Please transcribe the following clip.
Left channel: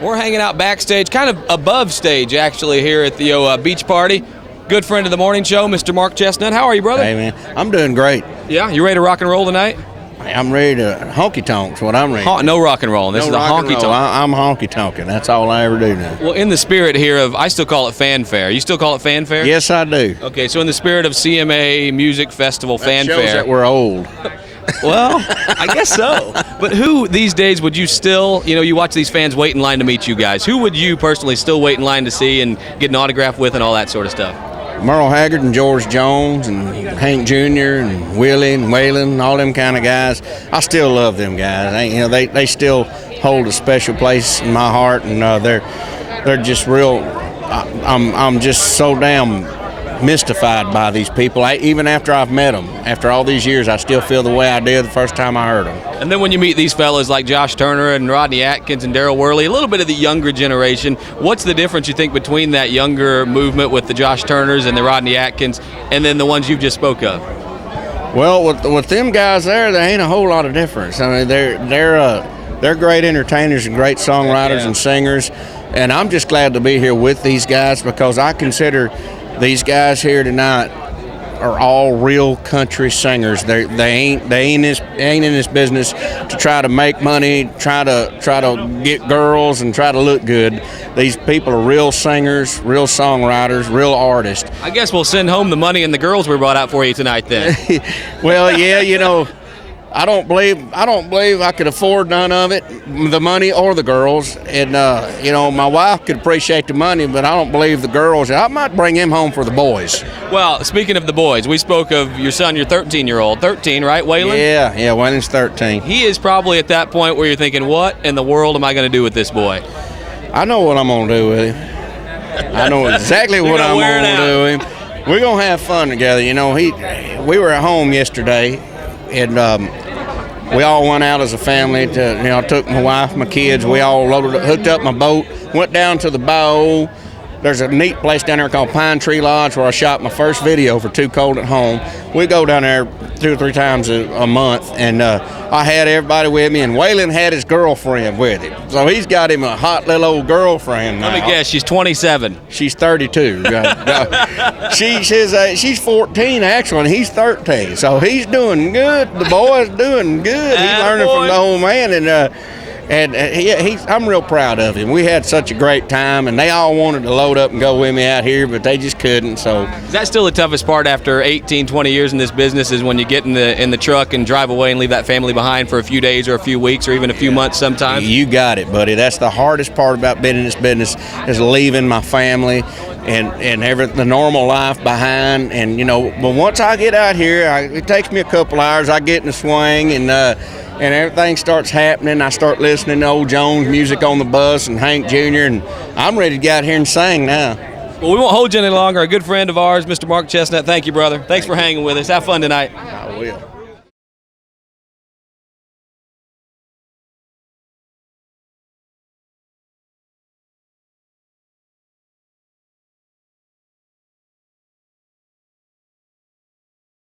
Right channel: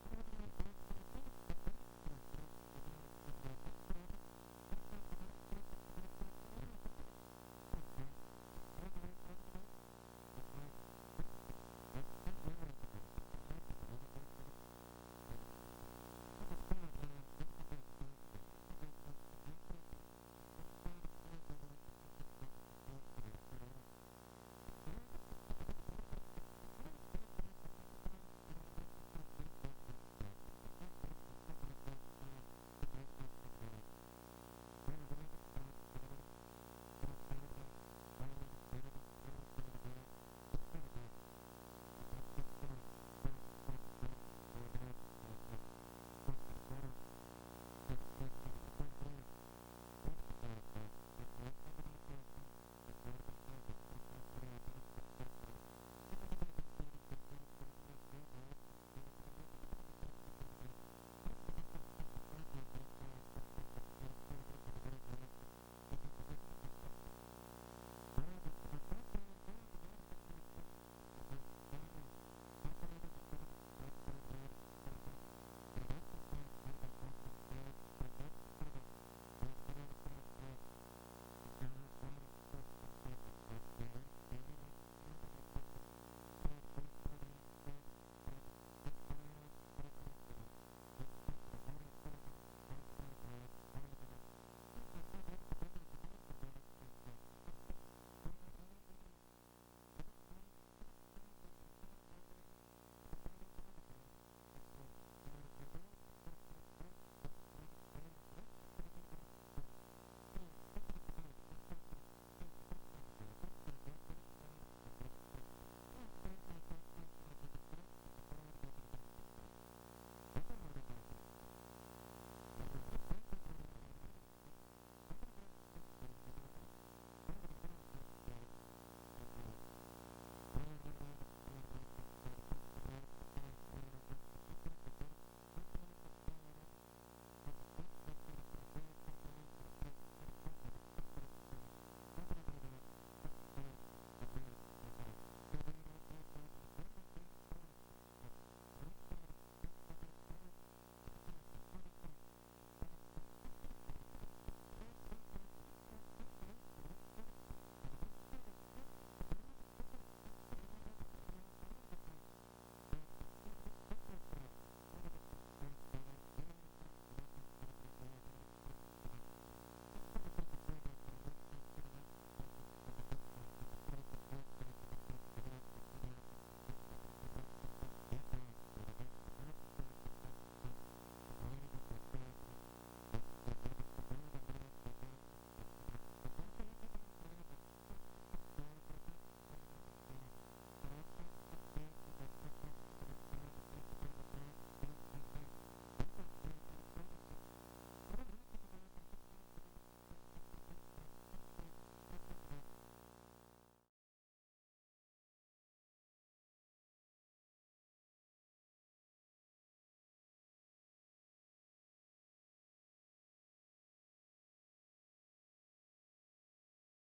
We're hanging out backstage, kind of above stage, actually, here at the beach party. Good friend of the morning show, Mr. Mark Chesnutt. How are you, brother? Hey, man. I'm doing great. Yeah? You ready to rock and roll tonight? I'm ready to honky-tonks, what I'm ready. No rock and roll. This is a honky-tonk. I'm honky-tonking. That's all I ever do now. Well, in the spirit here of, I still call it fanfare. You still call it fanfare? Yes, I do. Okay, so in the spirit of CMA Music Festival fanfare. Shows that we're old. Well, I guess so. But who these days would you still, you watch these fans wait in line to meet you guys. Who would you personally still wait in line to see and get an autograph with and all that sort of stuff? Merle Haggard and George Jones and Hank Jr. and Willie and Waylon, all them kind of guys. I still love them guys. They still hold a special place in my heart, and they're just real. I'm just so damn mystified by these people. Even after I've met them, after all these years, I still feel the way I did the first time I heard them. And then when you meet these fellas like Josh Turner and Rodney Atkins and Darryl Worley, a little bit of the younger generation, what's the difference you think between that younger movement with the Josh Turners and the Rodney Atkins and then the ones you've just spoke of? Well, with them guys there ain't a whole lot of difference. I mean, they're great entertainers and great songwriters and singers, and I'm just glad to be here with these guys because I consider these guys here tonight are all real country singers. They ain't in this business to try to make money, try to get girls, and try to look good. These people are real singers, real songwriters, real artists. I guess we'll send home the money and the girls we brought out for you tonight then. Well, yeah, I don't believe I could afford none of it, the money or the girls. And, my wife could appreciate the money, but I don't believe the girls. I might bring him home for the boys. Well, speaking of the boys, we spoke of your son, your 13-year-old. 13, right, Waylon? Yeah, Waylon's 13. He is probably at that point where you're thinking, what in the world am I going to do with this boy? I know what I'm going to do with him. I know exactly what I'm going to do with him. We're going to have fun together. We were at home yesterday, and we all went out as a family. I took my wife, my kids. We all hooked up my boat, went down to the bow. There's a neat place down there called Pine Tree Lodge where I shot my first video for Too Cold at Home. We go down there 2 or 3 times a month, and I had everybody with me, and Waylon had his girlfriend with him. So he's got him a hot little old girlfriend now. Let me guess, she's 27. She's 32. She's 14 actually, and he's 13. So he's doing good. The boy's doing good. He's learning from the old man, and I'm real proud of him. We had such a great time, and they all wanted to load up and go with me out here, but they just couldn't. So is that still the toughest part after 18, 20 years in this business is when you get in the truck and drive away and leave that family behind for a few days or a few weeks or even a few months sometimes? You got it, buddy. That's the hardest part about being in this business is leaving my family and the normal life behind. And, but once I get out here, it takes me a couple hours. I get in the swing and everything starts happening. I start listening to old Jones music on the bus and Hank Jr., and I'm ready to get out here and sing now. Well, we won't hold you any longer. A good friend of ours, Mr. Mark Chesnutt, thank you, brother. Thanks for hanging with us. Have fun tonight. I will.